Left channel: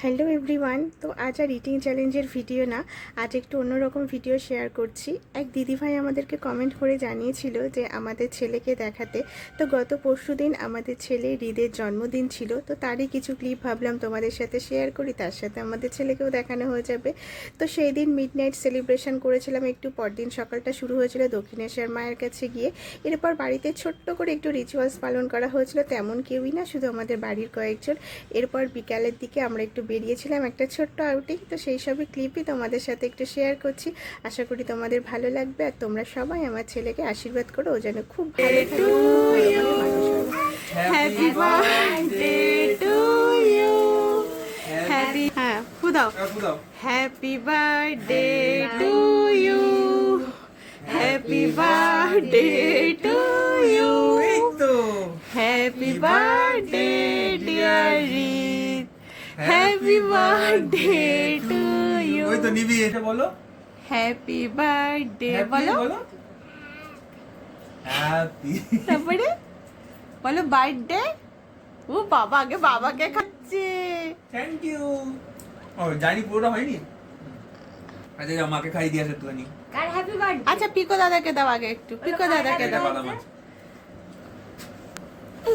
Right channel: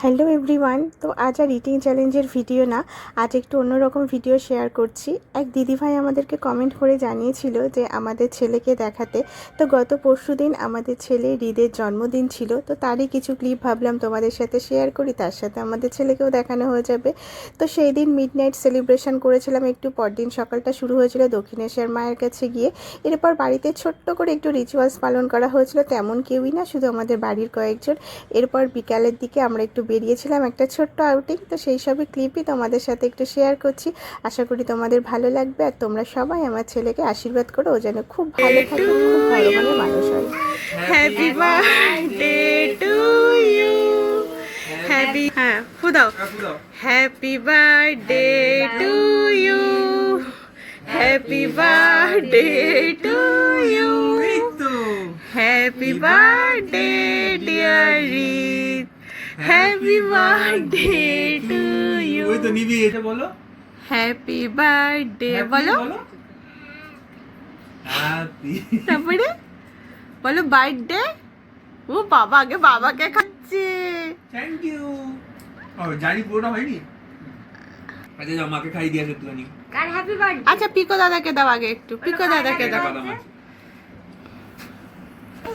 Hello everyone. তো আজ are eating চ্যালেঞ্জের ভিডিও না, আজ একটু অন্যরকম ভিডিও শেয়ার করছি। এক দিদিভাই আমাদেরকে কমেন্ট করে জানিয়েছিল যে আমাদের ছেলেকে দেখাতে। তো গত পরশুদিন আমাদের ছেলের ঈদের জন্মদিন ছিল, তো তারই কিছু ক্লিপ ভাবলাম তোমাদের সাথে শেয়ার করি, তার সাথে আমাদের ছেলেকেও দেখানো হয়ে যাবে। তো সেই দিন মিডনাইট সেলিব্রেশন করেছিলাম, একটু পরদিন সকালটা শুরু হয়েছিল দক্ষিণেশ্বর মায়ের কাছে গিয়ে। এরপর বাড়িতে ছোট্ট করে একটু রিচুয়ালস পালন করা হয়েছিল, তেমন কেউই না, শুধু আমাদের বাড়ির কয়েকজন। এরপর বিকালের দিকে আমরা একটু বেরিয়েছিলাম একটা ছোট্ট আউটিং, তো সেই সবই ক্লিপই তোমাদের সাথে একটু শেয়ার করছি। আশা করি তোমাদের ভালো লাগবে, আর তোমরা সবাই আমার ছেলেকে আশীর্বাদ করো, ও যেন খুব ভালো থাকে, খুব ভালো ভালো মানুষ হয়। Happy birthday to you, happy হ্যাঁ ফুদাও, happy birthday to you, happy birthday to you, happy birthday dear Rit, happy birthday to you. ওই তো নিবি, এটা বলো হ্যাপি বার্থডে বলো, হ্যাপি। তারপরে বলো বার্থডে। ও বাবা, আগে বাবাকে খাচ্ছে। Thank you. ও জানি পুরোটা হয়নি। আচ্ছা যাও, মাকে খাই দিয়ে আসে তুই। কার হ্যাপি বার্থডে? আচ্ছা পিকো দাদাকে দাও আগে, একটু পিকো দাদাকে দাও। বাদাম আছে।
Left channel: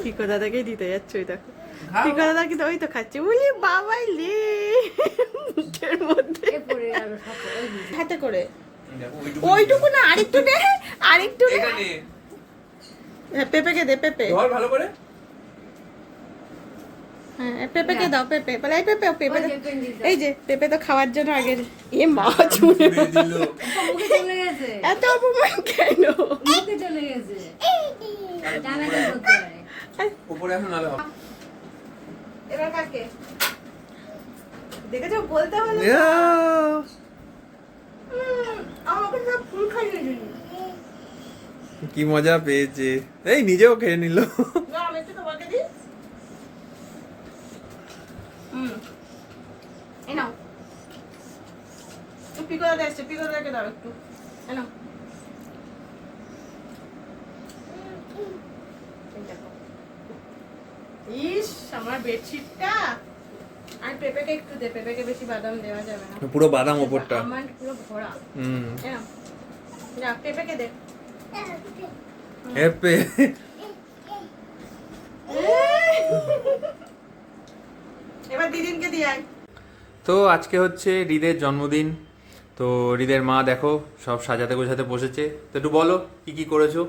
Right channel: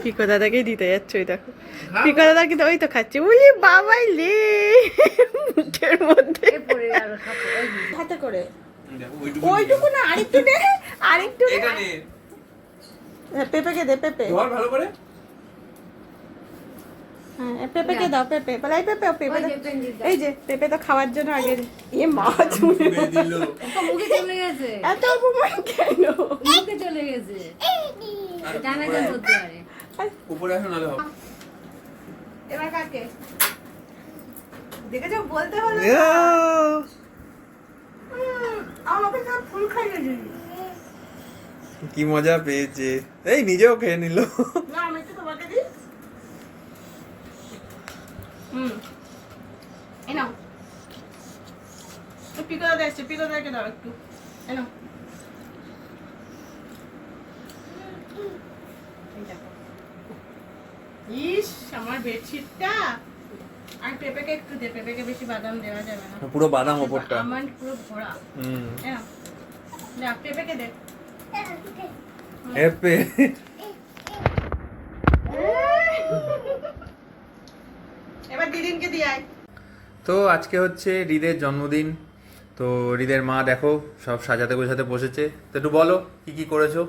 পিকো দাদাকেই দিতে যাচ্ছে, ওই দেখো পিকো দাদা কিন্তু ওই তো খাচ্ছে। বলি বাবাই লে মুখের মধ্যে এ পড়ে গেল সব ওই হাতে করে। দেখো ওইটুকু না, আরেকটু দে, আরেকটু দে। এটা নে। হ্যাঁ, পেঁপেকে দে, পেঁপে। ধর ভালো করে। হ্যাঁ পেঁপেকে দাও, পেঁপে বলে এই পেঁপে, পেঁপে ওই দাও। যে পেঙ্গিন দাও। এই যে পেঁপে তো খাওয়ার জন্য আগে। এ মা চুলে ছুঁড়ে দিল। মুখে চলে গেছে, এত অপমান কেন? মুখে চলে গেছে। ডানা কেন করতে পারে? উপরে আসো নালে হবে। এবার কাকে দেখেছো বলতে হলো না। আমাকে সব ফুল খাইয়ে দিলি। কি মজা পেয়েছে, এই নিজেও খেয়ে নিল। না আমি একটু তোমাকে দিই। এই নাও, তো পিকো দাদা এসছে, পিকো দাদাকে দাও একটু। এই নাও। এই দেখো। ইস আমার বেডশিটটা। আর পেঁপেকে একটু দে, পেঁপেকে বেশি বাদাম দেওয়া যাবে না। পুরো বাদাম ওপরটা। আমার পুরো ভরা। এই নাও, যা পেঁপেকে দে। হ্যাপি। এবার দিদিনকে দিয়ে আয়। তো আজকে হচ্ছে হৃদের জন্মদিন। তো হৃদের মা দেখো সব সাজাতে গোছাতে বসেছে। তো একটু বলো কি কি করেছো।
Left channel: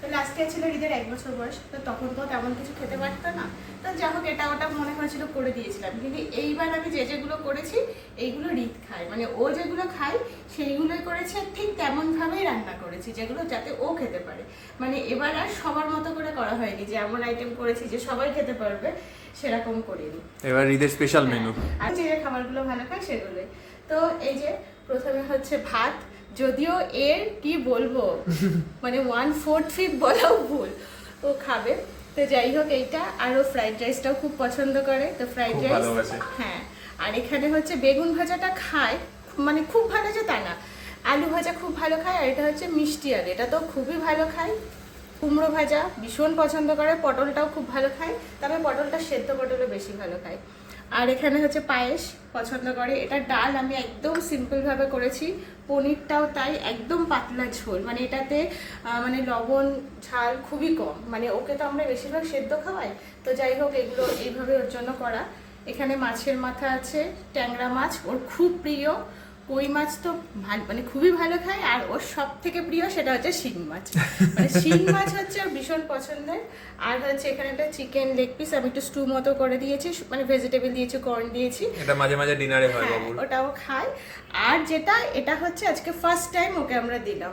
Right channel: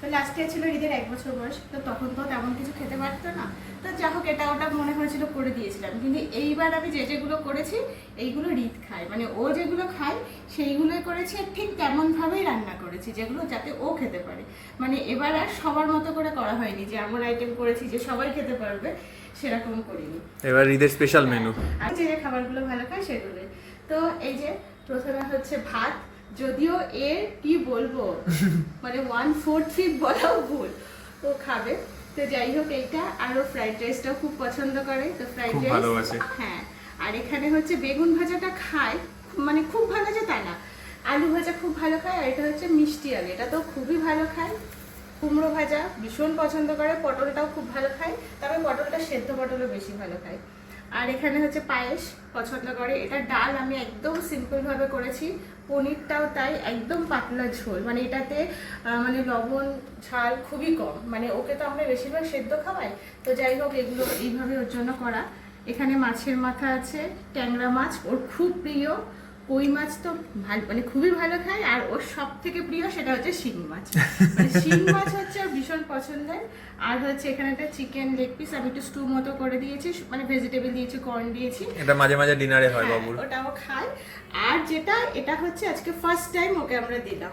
তো লাস্টে ছিল ঈদের 1 বছর বয়স, তো তখন তো তেমন কিছু খেতে পারতো না, তো যা হোক এটা ওটা মনে হয়েছিল করে দিয়েছিলাম। কিন্তু এইবার আমি যেগুলো করেছি এইগুলো রিত খায়, মানে ও যেগুলো খায় সেইগুলোই করেছি, ঠিক তেমনভাবেই রান্না করেছি যেগুলো যাতে ও খেতে পারে। মানে এবার আর সবার মতো করে করা হয়নি যে এমন আইটেম করেছি যে সবাই খেতে পারবে, সেরকম করিনি। এবার হৃদের স্পেশাল মেনু। আর যে খাবারগুলো ভালো খায় সেগুলো। তো এই যে প্রথমে হচ্ছে ভাত, যদিও এর কি বলবো মানে 1/4 বলাও ভুল, ও খাবে। তো যাই হোক এইটা, আর ও ফ্রাইড রাইসটাও খুব পছন্দ করে, তো ফ্রাইড খুব রাইস ভালোবাসে। হ্যাঁ। আর এখানে হচ্ছে বেগুন ভাজাটা খায়, মানে খুব ভালো যে তা না, আলু ভাজা খুব ভালো খায়। আর এটা হচ্ছে মিষ্টি আলু, এটা তো খুবই ভালো খায়। কুমড়ো ভাজা ভীষণ পছন্দ করে, পটলটাও খুব ভালো খায়, তবে পটলটা সেদ্ধ পটলও বেশি ভালো খায়। আর এখানে হচ্ছে পায়েস পছন্দ করে। এটা ডাল আমি একদম সিম্পলভাবে করেছি, পনিরটাও তাই একদম পাতলা ঝোল, মানে এটাতে মানে লবণ ঝাল খুবই কম, মানে ওকে তো আমরা বেশিরভাগ সেদ্ধ খাওয়াই, তো যাই হোক এগুলো এইভাবে ওর জন্য করা। এখানে মাছের মাথা আছে, ট্যাংরা মাছ ওর খুব প্রিয়, কই মাছ তো মানে খুবই ভালো খায়। আর ওর সব থেকে প্রিয় সেটা হচ্ছে শিং মাছ, মানে শিং মাছ হচ্ছে ওর ভীষণ পছন্দের। আর হচ্ছে এখানে একটা চিকেন লেগ পিস আমি একটু স্টু মতো করে দিয়েছি, মানে ভেজিটেবল দিয়েছি, কর্ন দিয়েছি, এটা মাঝে মাঝে ডিনারে হয় বাবুর। ওটাও খায়। আর যেটা এটা হচ্ছে আজকে ফার্স্ট টাইম ওকে আমরা দিলাম,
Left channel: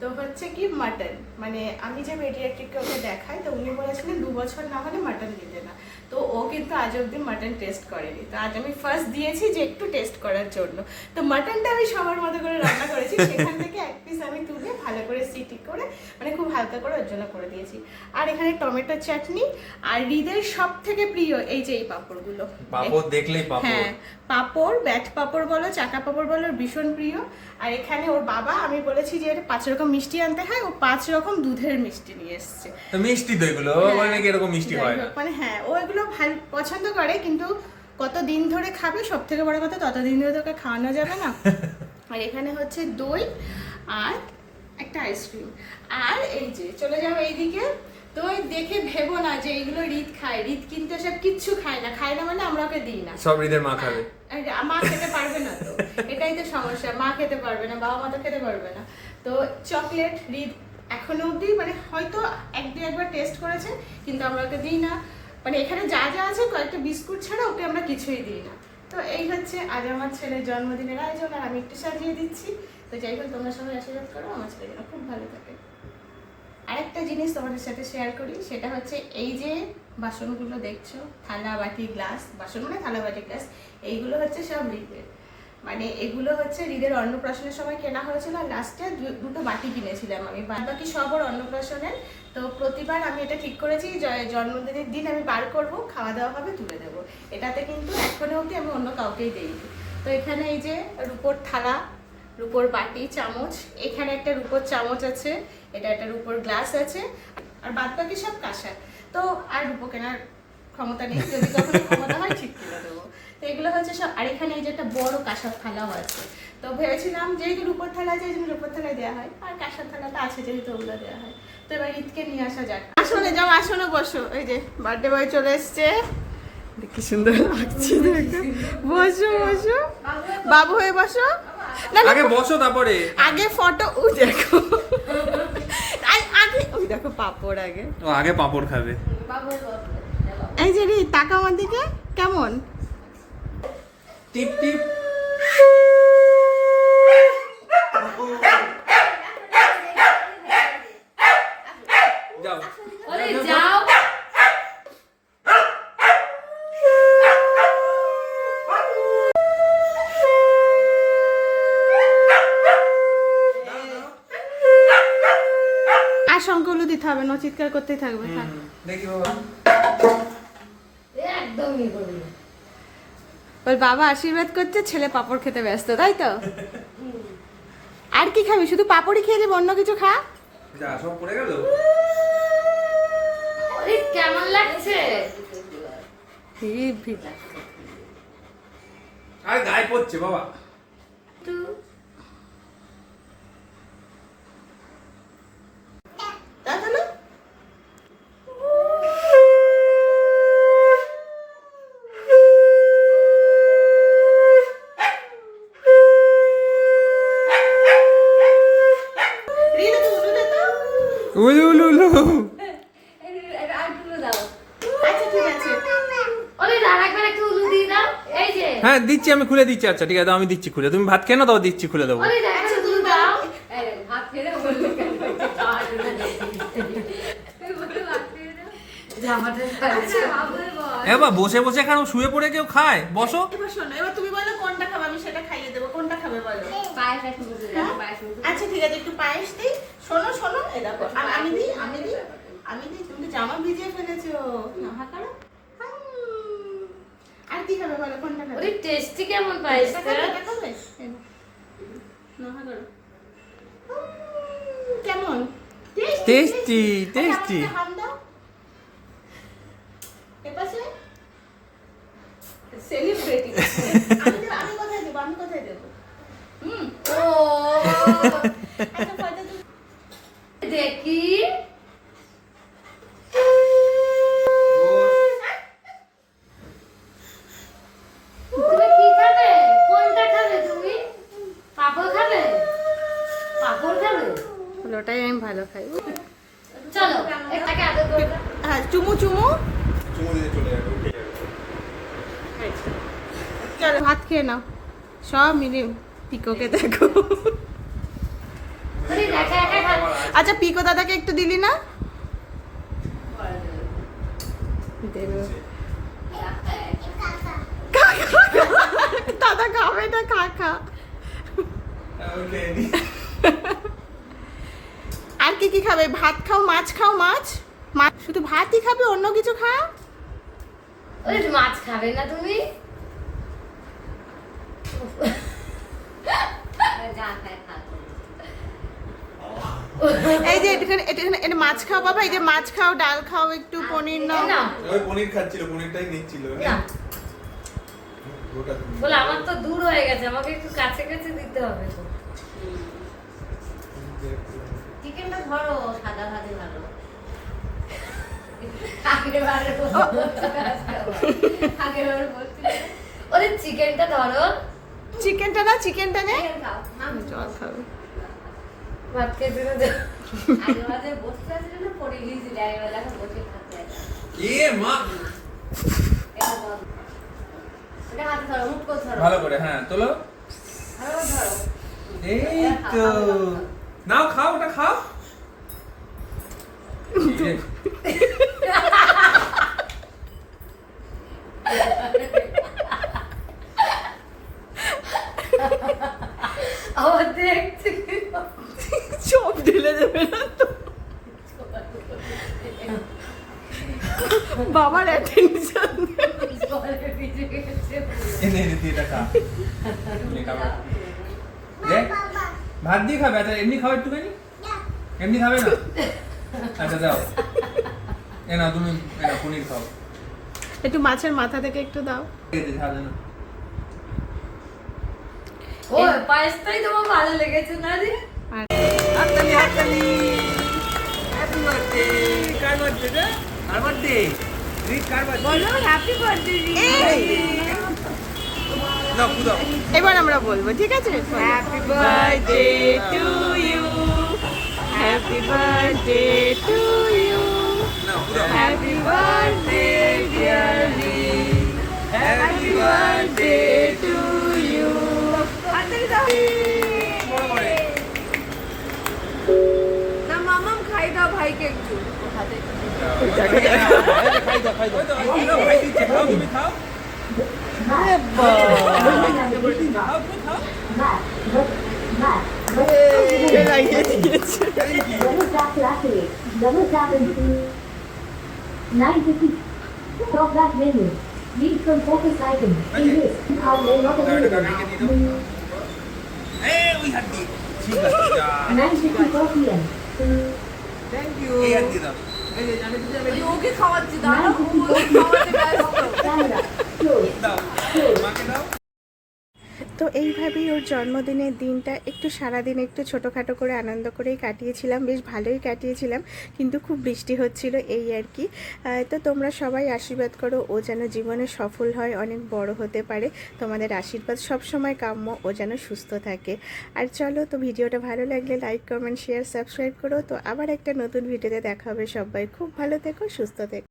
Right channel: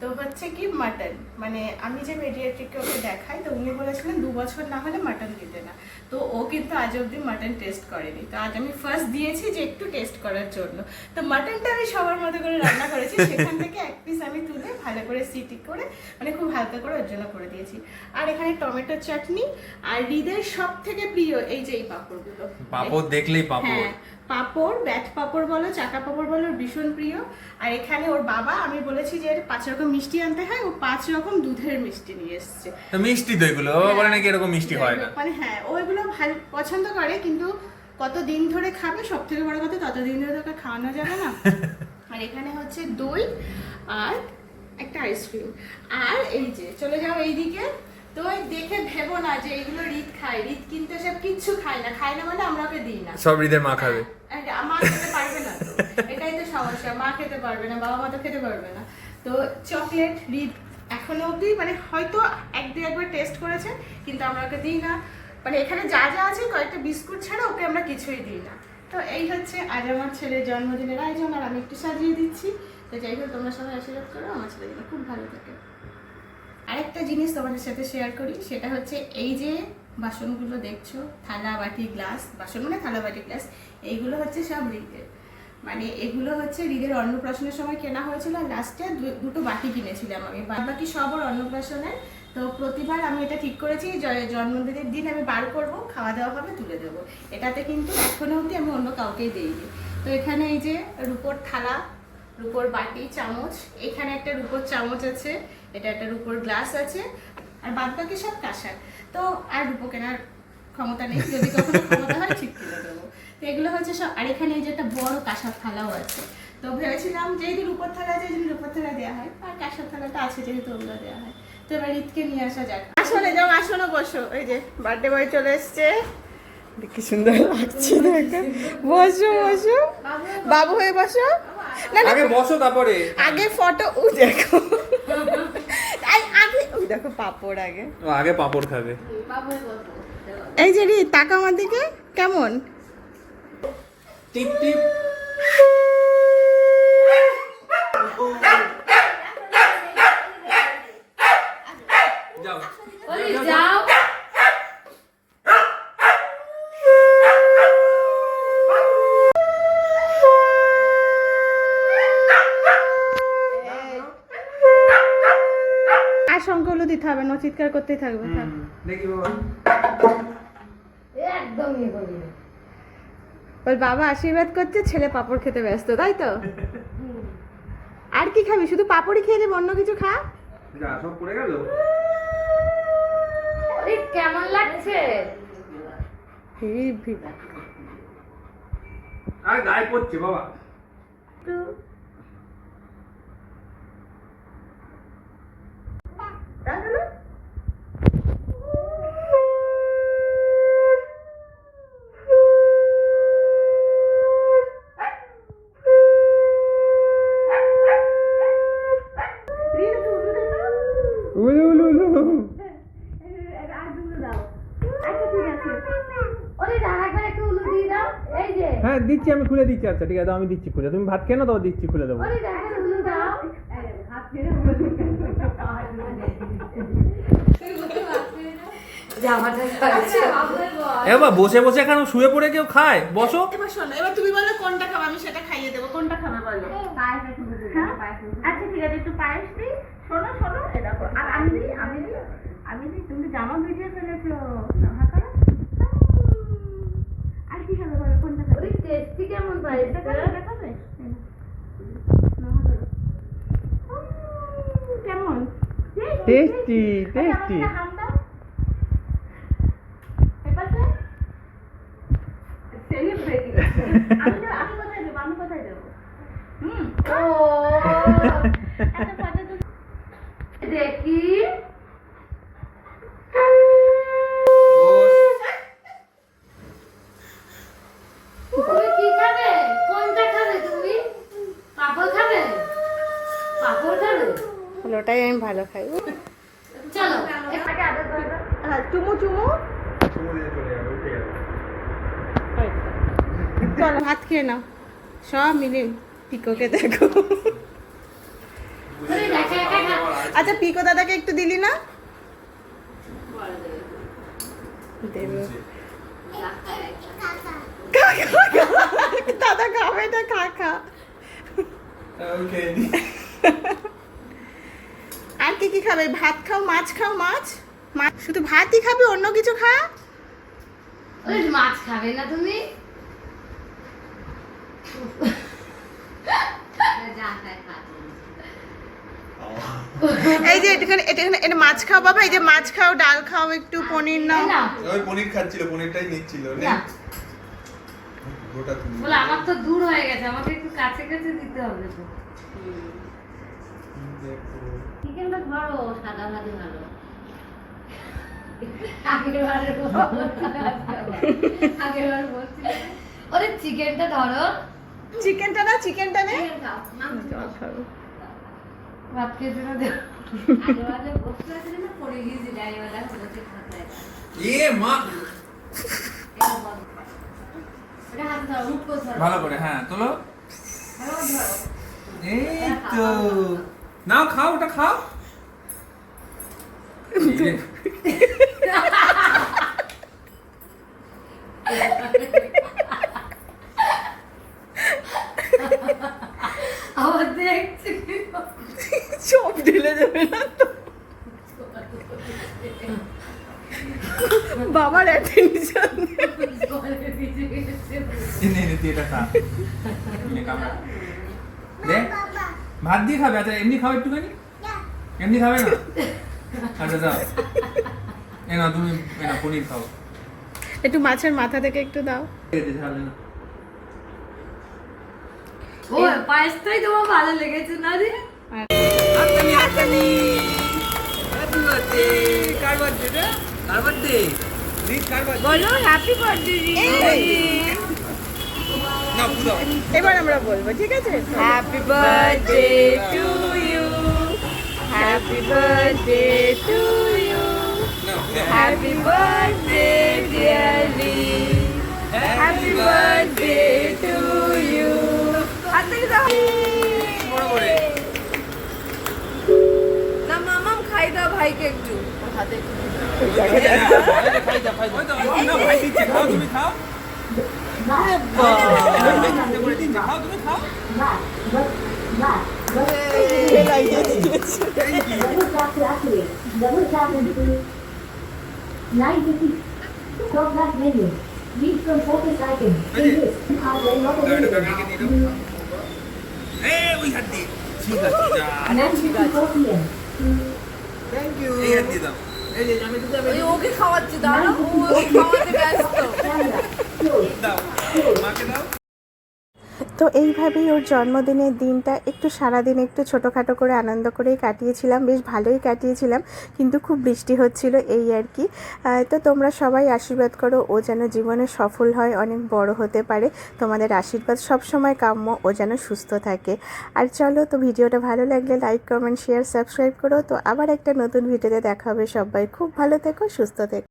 তো হচ্ছে কি মাটন, মানে আমি যে মেডিয়াট্রিককে ওকে দেখাই, তো উনি বলেছিলেন 2 বছর না হলে মাটন দিতে না, তো ও কিন্তু আজ অব্দি মাটন টেস্ট করেনি, তো আজ আমি ফার্স্ট দিয়েছি যে একটু টেস্ট করার জন্য। তো মাটনটা আমি সবার মতো করে রান্না করেছি, সেখান থেকে এক পিস আমি তুলে ভালো করে সিটি করে, মানে খুব হালকা করে ওর জন্য করে দিয়েছি। আর এখানে টমেটো চাটনি, আর হৃদের সব থেকে প্রিয় এই যে এই পাঁপড়গুলো। পাপড় দেখলেই পাপড়। হ্যাঁ পাঁপড়, ব্যাট পাঁপড় বলো, চাকা পাঁপড় বলো, ওর ভীষণ প্রিয়। আর এখানে ওর বাবা, আমি বলেছি যে 5 রকম মিষ্টি আনতে হয়, ও 5 রকম দুধের মিষ্টি নিয়ে এসছে। তো মিষ্টি তো এগুলো, মানে নাকি এরকম মিষ্টি হয় না। মানে হ্যাঁ ও এগুলো ভালো পছন্দ করে, কিন্তু কত দিন ধরে খাবে, সব থেকে বড় কথা ততদিন ধরে তোকে খাওয়ানো যাবে না। আর এখানে হচ্ছে দই আর একটা আইসক্রিম। আর এই যে চলে যাও এইদিকে, তো ওই দেখে ভেবো না যে এইগুলো রিত খায়, রিত কিন্তু সব কিচ্ছু খায় না মানে আমরা ওকে দিই না। সব হৃদের মা খাবে। মা খেতে পারবে না তো, এটাই তো সমস্যা, মা খেতে পারবে না, বাবা মা তো খেতে পারবে না। তো চকলেট রিত এখনো অবধি মানে হয়তো একবার টেস্ট করেছে, কিন্তু আমরা ওকে দিই না। মানে এখানে যা যা আছে কয়েকটা বিস্কুট ছাড়া ওকে আমরা কিছুই দিই না। তো এই হচ্ছে আজ আমার ছেলের জন্মদিনের আয়োজন, আর আমি একটু সাজিয়ে দিচ্ছি। তো যাই হোক, তোমরা সবাই আশীর্বাদ করো আমার ছেলে যেন খুব ভালো থাকে। আরেকটা জিনিস তোমাদের সাথে শেয়ার করি, সেটা হচ্ছে এই যে বাসনগুলো দেখছো, থালা বাটি গ্লাস, বাসন মানে থালা বাটি গ্লাস, এইগুলো হচ্ছে সব হৃদের। মানে এগুলো হচ্ছে হৃদের অন্নপ্রাশনের সময় কেনা হয়েছিল, আর লাস্টে দুটো বাটি কিনেছিলাম আমি, বাকি সব ওর অন্নপ্রাশনের। তো প্রতিবার আমি এটা ঠিক করেছি জন্মদিনের দিন আমি বার করবো, খাওয়া দাওয়া হবে, তুলে দেবো। এটাতে কিন্তু এখনো অবধি আমি অন্য কাউকেই দিইনি। তো এখানে এই যে রুপোর থালা, রুপোর বাটি, চামচ, এখানে একটা রুপোর চামচ আছে, এটা একটা রুপোর গ্লাস আছে, আর বাদ বাকি সব কাঁসার। তো আর রুপো কেনার ক্ষমতা নেই, যদি কখনো ক্ষমতা হয় ঠিক করে দেবো। তো এগুলো হচ্ছে সব। আর এখানে এই যে একটা বড় কাঁসার থালাও আছে। তো ভেবেছিলাম যেহেতু রুপোর থালা আছে, এই জন্য রুপোর থালা দেওয়া হয়, আর কাঁসার থালাটা আছে যেহেতু ওগুলো দেওয়া হয়। তো এবার ঈদকে নিয়ে আসা যাক। আসলে যাও, আসনে বসো। এই যে বার্থডে বয় চলে এসছে, কি সুন্দর লাগছে দেখো। বসো বসো, বাবু হয়ে বসো। না না, আগে বসো তারপরে আগে ফটো। ওই দেখো, আগে ওই দেখো পাপড় আগে। ও আগে পাপড় খাবে। এই যে রি তাকা আমার দিকে, কেমন? টিপ টিপ। যাও ওরে যাও। আর শঙ্কগুলো দিতে হবে না, চিৎকার করতেই থাকবে। থাক। দেখি বাবা। একদম ইয়ে করবি না। ওর বাবা আশীর্বাদ করছে, ছেলে পাপড় খেতে ব্যস্ত, তাই তো? আর কি খাবি? শুধু পাপড়ই খেয়ে যাবে, অন্য কিছু খা। যা সব পড়ে গেল। ওরে কেমন লাগছে? আর গায়ে পড়ছে বাবা। দেখো না? রিনা, তুমি উঠে দে তো। উলু উলু উলু। আর দুটো দাও। আচ্ছা ঠিক আছে। ওরে আরেকবার একটা উলু দিয়ে দাও। এই যে। হ্যাঁ দিচ্ছি, আমি খুলে দিচ্ছি। আচ্ছা ঠিক আছে, আমি দিচ্ছি খুলে। তুমি ভাত খেয়ে না, দাও দিচ্ছি খুলে দেবো। ওরে একটা উলু দাও। আরে ভাত খেয়ে বললো কেন? যে আমার কাছে বাবুর বল। এবার বসে বসে কেন, শুয়ে পড়ে কেউ খায়? বসো। এবার শোনো, এবার তুমি বলো কোনটা খাবে, আমি সেটা খাইয়ে দেবো। কোনটা খাবে বলো? পায়েস আছে বুঝে হ্যাঁ? পায়েস আছে। আচ্ছা ঠিক আছে, একটু পায়েস দিই। শোনো শোনো, এই দেখো, আমি দিই। তুমি তো জামা ভিজিয়ে ফেলেছো। নাহা করো। আর কি খাবে বলো, কোনটা খাবে? ওরে টেস্টি কেমন পায়েসটা? এটা খাবে, এটা খাবে? এই নাও। নাহা করো। কেমন? টেস্টি আচ্ছা, টেস্টি। আমাকে হাম দাও। এপাশে সেলিব্রিটি। আমি কোথায় দেবো? ও একটা ফটো তো। দেখি। তুমি কি খাবে? কোনটা খাবে তুমি? পাপড় খাবে? পাপড় খাবে? ওটাই আমি ভালো খাই। চলো একটাকে আদর করে দাও। হ্যাঁ, চুমু চুমু। চুমু দিয়ে চলে যাবে, উঠে যাবে। চলো ভাত খেয়ে নাও। সব মিলে পিকোকে দেখো। ওরে একা একা খা। আচ্ছা, পিকো দাদাকে একটু দিলি না? দেবো। দাদা খাবে না, খা। ওকে। আর কি খাবে? ভাত খাও, মাছ খাও, মাছ। শুধু ভাতই খাবে, অন্য কিছু খা? ওরে মাছ খাবে না তুমি? যা খায় খা। এই যে এটা মাছ খাও বাবা, এই যে মাছ খাও, ডাল খাও, একটু পনির নাও। নাও। ওই পনির খাচ্ছিল, পনিরটাই নিচ্ছিল। না। বলে আমার তো দূর হয়ে গেছে, আমাকে একটু কাছে কাছে দিতে হবে তো। চিকেনটা ধরো, সাদা ভাজে ভালো। আগেরবার বলছিলে, ওরে চিকেনটা ধরো। চিকেনটা না, চিকেনটা নে। চিকেন খাও। জল খাবে। ভাত খেতে না দে। আগেবারে বসতে আসলে না পড়ে গিয়েছিল, আগেবারে বসে খাতে। মা এটা বল। ওটা হাত ধরো, মুখ করে ধরো। ভালো করে, হ্যাঁ চলো। ভালো করে ধরো। এই তো নাও, খাও, ওটা খাও। আমার দেখছি সব ঢেলে দেবে না তো। বাবার অ্যাটেনশন। জলে ভিজে গেছে। এনে তুই এটা খা। নে, খাবার। দে, ভাত দিয়ে খাবে? আচ্ছা এমনি খাও একটুখানি? এমনি খাবে না? আচ্ছা দাও। তুমি পনির খাও। একটু মাছের মাথা থেকে একটু দাও। ও পায়েসটাই তোমার ভালো লেগেছে না রে? হাততালি, হাততালি। Happy birthday. কার বার্থডে রে? কার বার্থডে? রিত কার বার্থডে? বলো হ্যাপি বার্থডে। না পুদাও। এবার আমরা বলবো, ঠিক আছে? Happy birthday to you, happy birthday to you, না পুদাও। Happy birthday dear Li, happy birthday to you. বড় করে। না মামাম খাই দাও ভাইকে একটু হাতে। ওই তো, না ভাই দিচ্ছে, খাও তুমি খাও। খাও তুমি খাও। লাগিয়ে দিয়েছে। 950. Stop that menu. Read from focus item. In this, are they not available? ওই হাত দিয়ে। ঠিক আছে, যা। 9:54 p.m. Thank you. এই হাত দিয়ে দাও। ওকে খাওয়াচ্ছি, দাঁড়াও, ও খাওয়াতে ব্যস্ত। Camera. Close. দাও। মাকে দাও। তো এইভাবেই ওর জন্মদিনের দিনটা একটু সারাদিন একটু ছোটোখাটো করে আনন্দ করেই কাটিয়েছিলাম, বেশ ভালোই কাটিয়েছিলাম, কিন্তু খুব বৃষ্টি হচ্ছিল এই আর কি। তো তোমরা সবাই আশীর্বাদ করো ও যেন জীবনে সফল হয়, অনেক বড় হতে পারে। তোমাদের আশীর্বাদ সব সময় কাম্য, ও যেন সুস্থ থাকে। আর চলো, তো ভিডিওটা ভালো লাগলে লাইক, কমেন্ট, শেয়ার, সাবস্ক্রাইব করো। তো আবার একটা নতুন ভিডিওতে দেখা হবে। সবাই খুব ভালো থেকো, সুস্থ থেকো।